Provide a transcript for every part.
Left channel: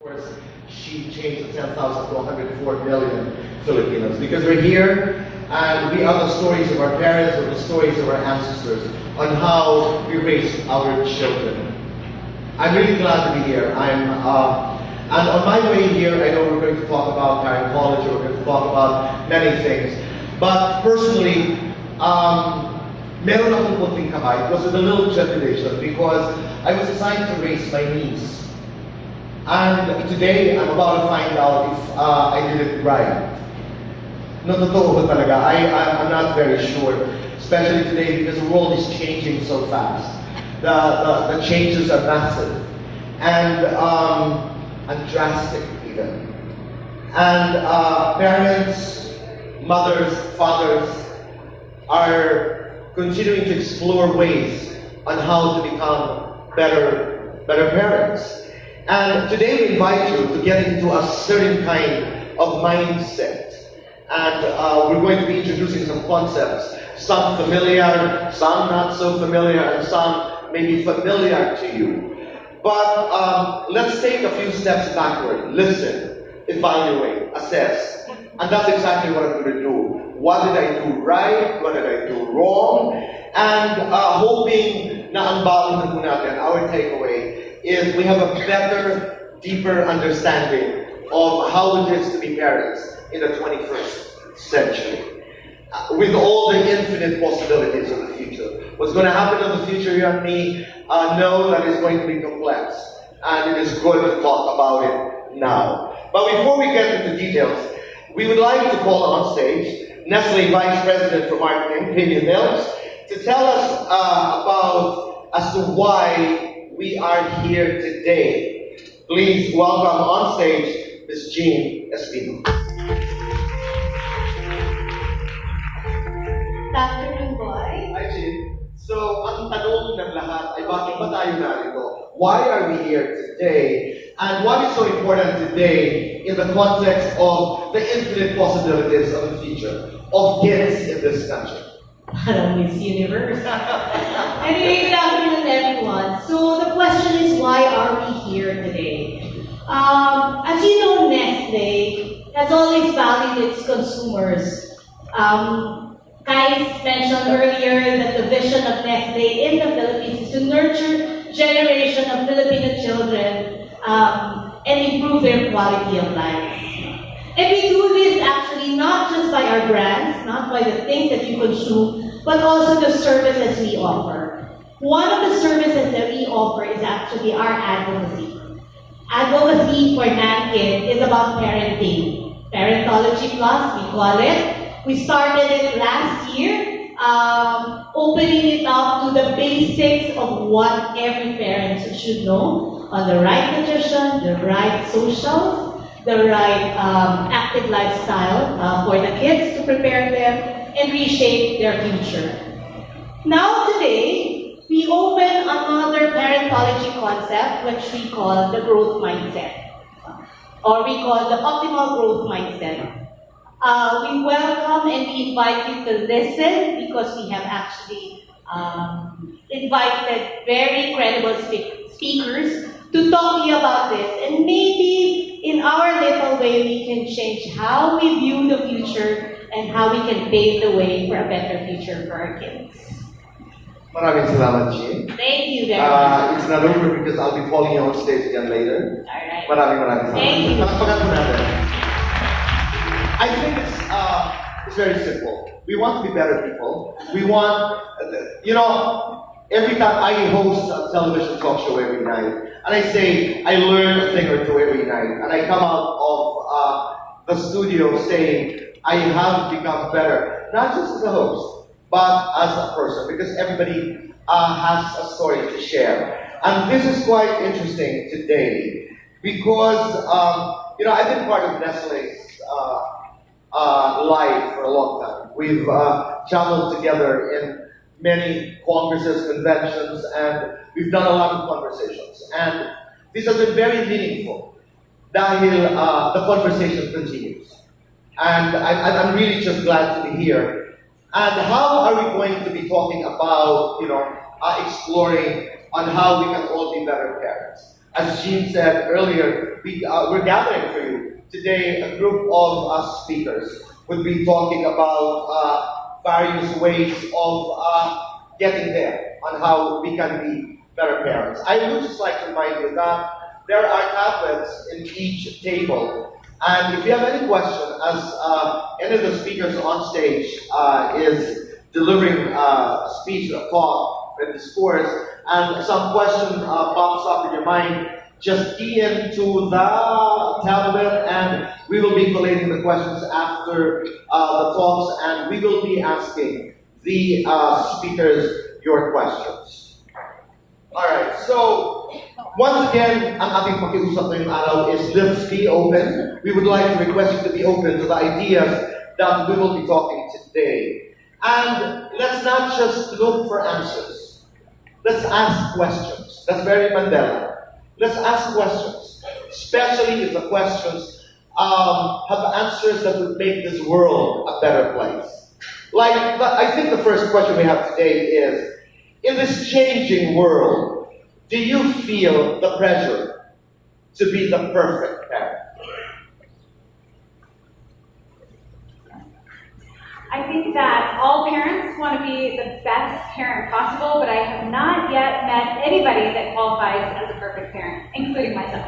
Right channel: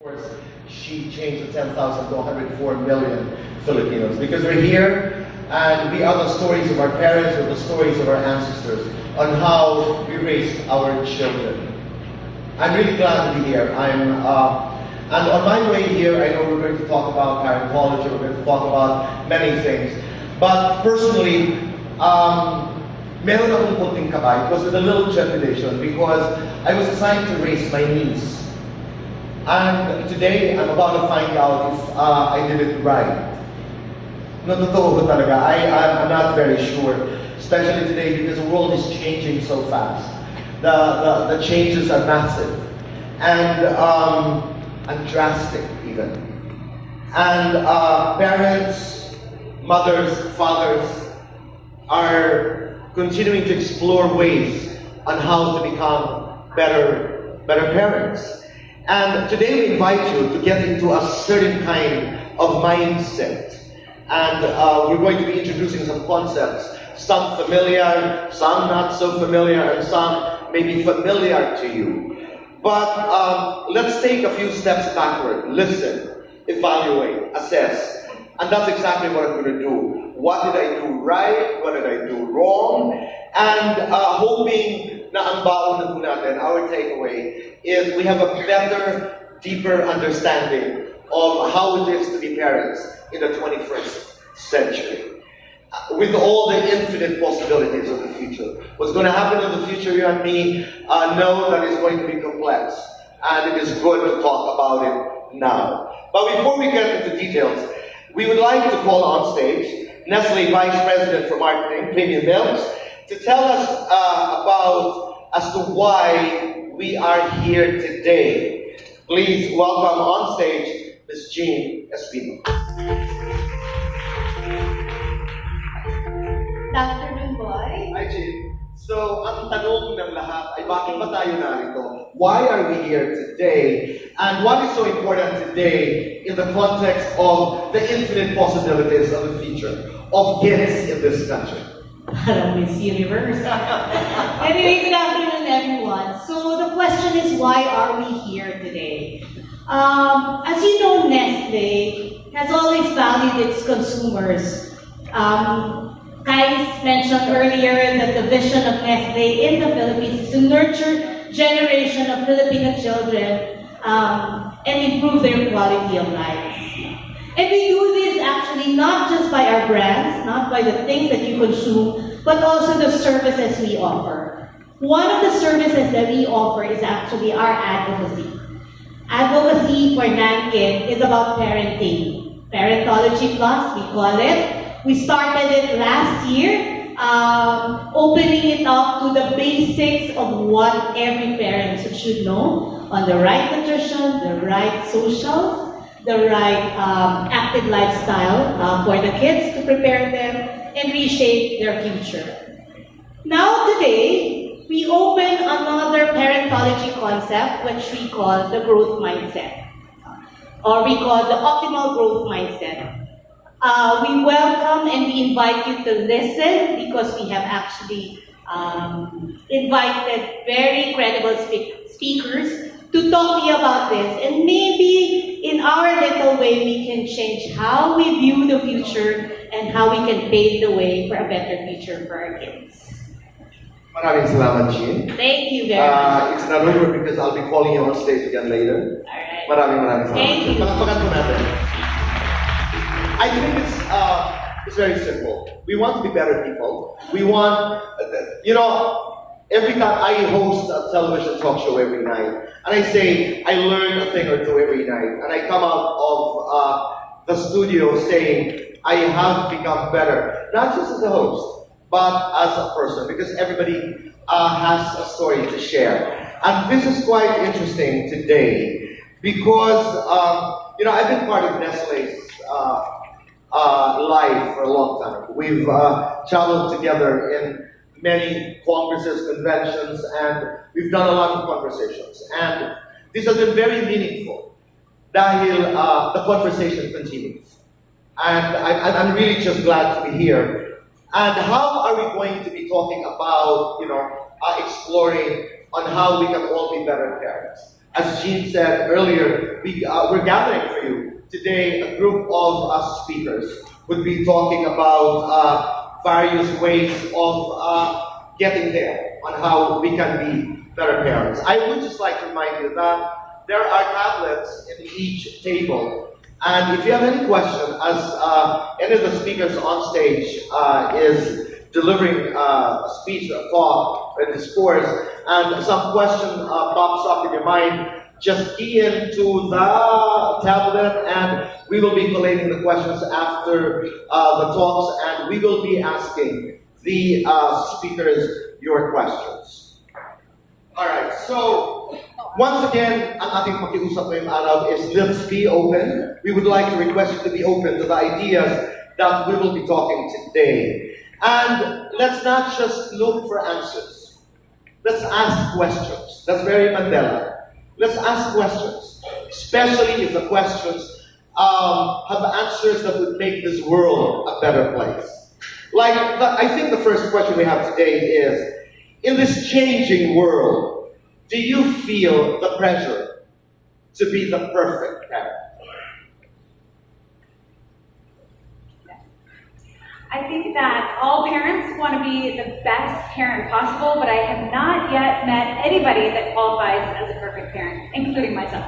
course, she changed the 10,000 to 104 million Filipinos because we're here and we are the stories of our parents or the stories of our ancestors on how we raised our children. I'm really glad to be here. And on my way here, I know we're going to talk about parentology, we're going to talk about many things. But personally, meron akong kunting kabay. It was a little trepidation because I was assigned to raise my niece. And today, I'm about to find out if I did it right. No, totoo ko talaga. I'm not very sure, especially today because the world is changing so fast. The changes are massive and drastic even. And parents, mothers, fathers are continuing to explore ways on how to become better parents. And today we invite you to get into a certain kind of mindset. And we're going to be introducing some concepts, some familiar, some not so familiar, and some may be familiar to you. But let's take a few steps backward. Listen, evaluate, assess. And that's exactly what I'm going to do. What did I do right? What did I do wrong? And hoping na ang baon natin, our takeaway, is we have a better, deeper understanding of how it is to be parents in the 21st century. With all the infinite possibilities of the future. What's going to happen in the future, you and me, know that it's going to be complex. And it is good to talk about it now. But before we get into details, we would like to call on stage Nestle Vice President for Marketing, Premium Milks, to tell us as to why we are here today. Please welcome on stage Ms. Jean Espino. Good afternoon, boy. Hi, Jean. So, ang tanong ng lahat ay bakit ba tayo narito? Why are we here today? And what is so important today in the context of the infinite possibilities of the future of kids in this country? Miss Universe. Anyway, good afternoon, everyone. So the question is, why are we here today? As you know, Nestle has always valued its consumers. Kais mentioned earlier that the vision of Nestle in the Philippines is to nurture generation of Filipino children and improve their quality of life. And we do this actually not just by our brands, not by the things that you consume, but also the services we offer. One of the services that we offer is actually our advocacy. Advocacy for Nankid is about parenting. Parentology Plus, we call it. We started it last year, opening it up to the basics of what every parent should know on the right nutrition, the right socials, the right active lifestyle for the kids to prepare them and reshape their future. Now today, we open another parentology concept which we call the growth mindset, or we call the optimal growth mindset. We welcome and we invite you to listen because we have actually invited very credible speakers to talk to you about this, and maybe in our little way we can change how we view the future and how we can pave the way for a better future for our kids. Maraming salamat, Jean. Thank you very much. It's not over because I'll be calling you on stage again later. Alright. Maraming salamat. Thank you. I think it's very simple. We want to be better people. We want, every time I host a television talk show every night, and I say I learn a thing or two every night, and I come out of the studio saying I have become better, not just as a host, but as a person, because everybody has a story to share. And this is quite interesting today, because I've been part of Nestle's life for a long time. We've traveled together in many congresses, conventions, and we've done a lot of conversations. And this has been very meaningful dahil the conversation continues. And I'm really just glad to be here. And how are we going to be talking about, exploring on how we can all be better parents? As Jean said earlier, we're gathering for you today a group of speakers would be talking about various ways of getting there on how we can be better parents. I would just like to remind you that there are tablets in each table. And if you have any question, as any of the speakers on stage is delivering a speech, a talk, a discourse, and some question pops up in your mind, just key into the tablet and we will be collating the questions after the talks and we will be asking the speakers your questions. Alright, so once again, ang ating pakiusap ngayong araw is let's be open. We would like to request you to be open to the ideas that we will be talking today. And let's not just look for answers. Let's ask questions. That's very Mandela. Let's ask questions, especially if the questions have answers that would make this world a better place. I think the first question we have today is, in this changing world, do you feel the pressure to be the perfect parent? I think that all parents want to be the best parent possible, but I have not yet met anybody that qualifies as a perfect parent, including myself.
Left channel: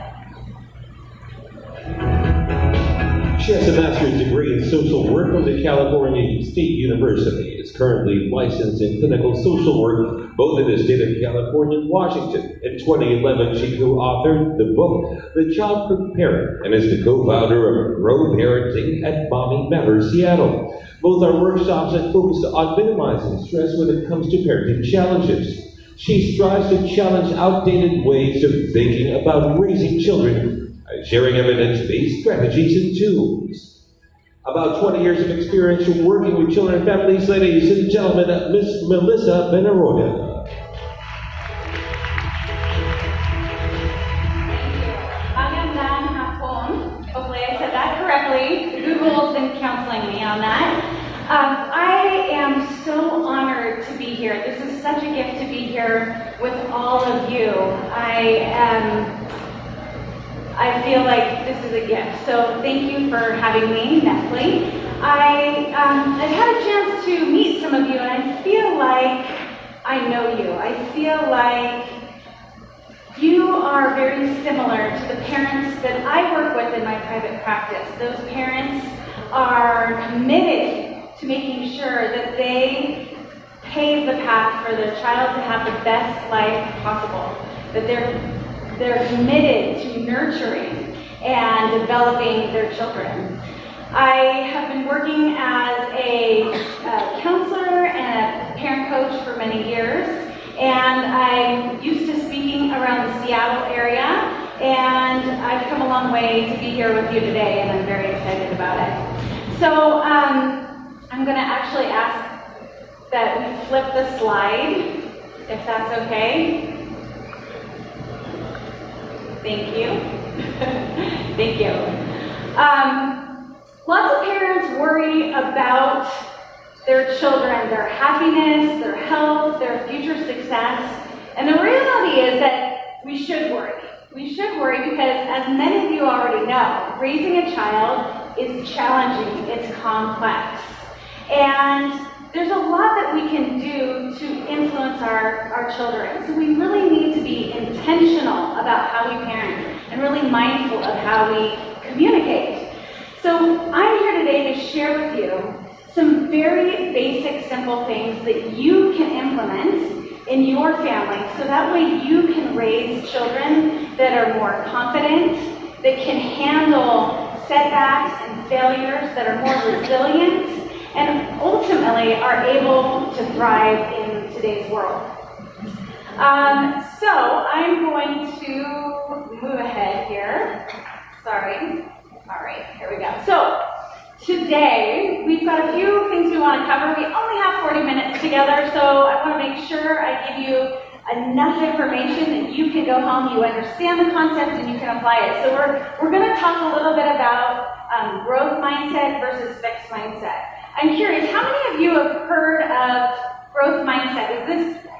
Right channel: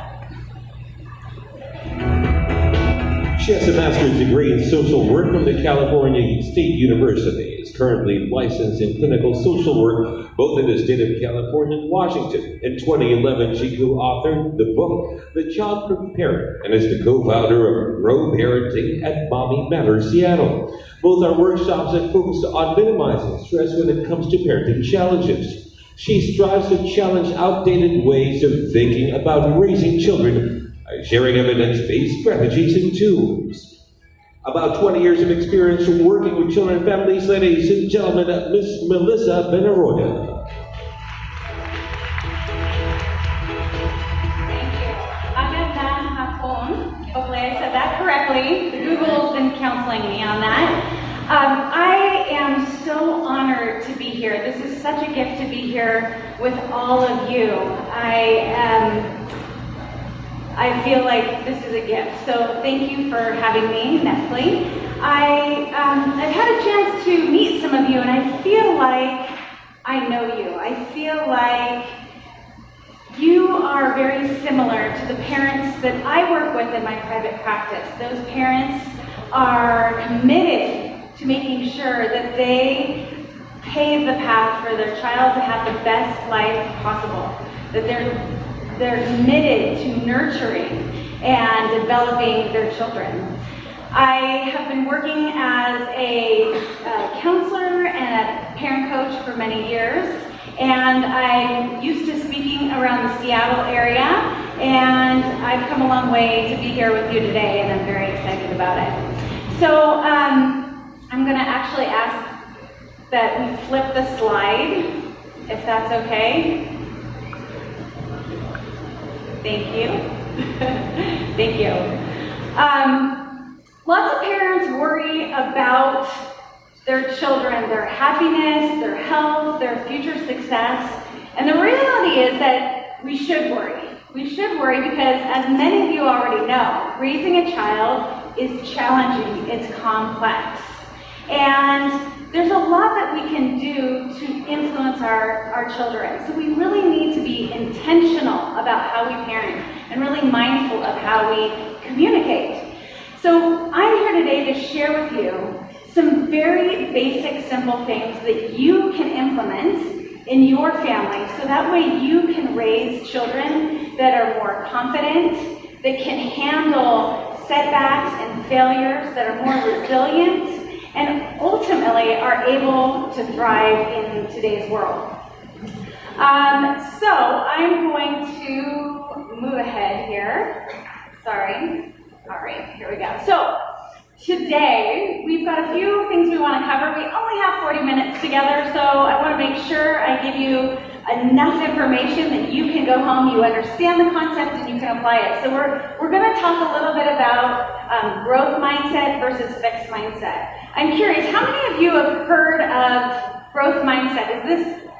She has a master's degree in social work from the California State University. Is currently licensed in clinical social work, both in the state of California and Washington. In 2011, she co-authored the book, The Childproof Parent, and is the co-founder of Grow Parenting at Mommy Matters Seattle. Both are workshops that focus on minimizing stress when it comes to parenting challenges. She strives to challenge outdated ways of thinking about raising children by sharing evidence-based strategies and tools. About 20 years of experience from working with children and families, ladies and gentlemen, Miss Melissa Benaroya. Magandang hapon. Hopefully I said that correctly. Google's been counseling me on that. I am so honored to be here. This is such a gift to be here with all of you. I feel like this is a gift. So thank you for having me, Nestle. I've had a chance to meet some of you and I feel like I know you. I feel like you are very similar to the parents that I work with in my private practice. Those parents are committed to making sure that they pave the path for their child to have the best life possible. That they're committed to nurturing and developing their children. I have been working as a counselor and a parent coach for many years, and I'm used to speaking around the Seattle area, and I've come a long way to be here with you today, and I'm very excited about it. So I'm going to actually ask that we flip the slide, if that's okay. Thank you. Thank you. Lots of parents worry about their children, their happiness, their health, their future success. And the reality is that we should worry. We should worry because, as many of you already know, raising a child is challenging, it's complex. And there's a lot that we can do to influence our children. So we really need to be intentional about how we parent and really mindful of how we communicate. So I'm here today to share with you some very basic, simple things that you can implement in your family so that way you can raise children that are more confident, that can handle setbacks and failures, that are more resilient, and ultimately are able to thrive in today's world. So I'm going to move ahead here. Sorry. All right, here we go. So today we've got a few things we want to cover. We only have 40 minutes together, so I want to make sure I give you enough information that you can go home, you understand the concept, and you can apply it. So we're going to talk a little bit about growth mindset versus fixed mindset. I'm curious, how many of you have heard of growth mindset? Is this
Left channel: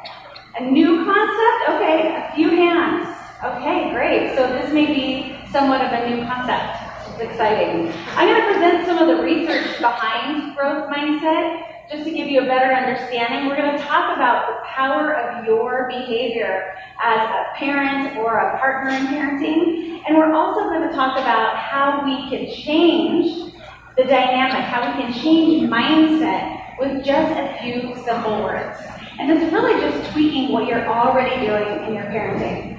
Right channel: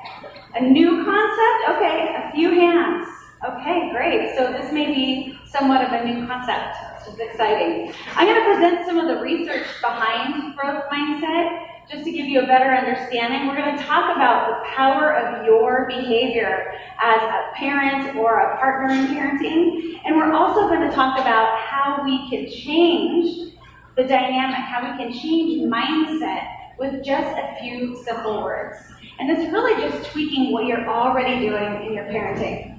a new concept? Okay, a few hands. Okay, great. So this may be somewhat of a new concept. It's exciting. I'm going to present some of the research behind growth mindset, just to give you a better understanding. We're going to talk about the power of your behavior as a parent or a partner in parenting. And we're also going to talk about how we can change the dynamic, how we can change mindset with just a few simple words. And it's really just tweaking what you're already doing in your parenting.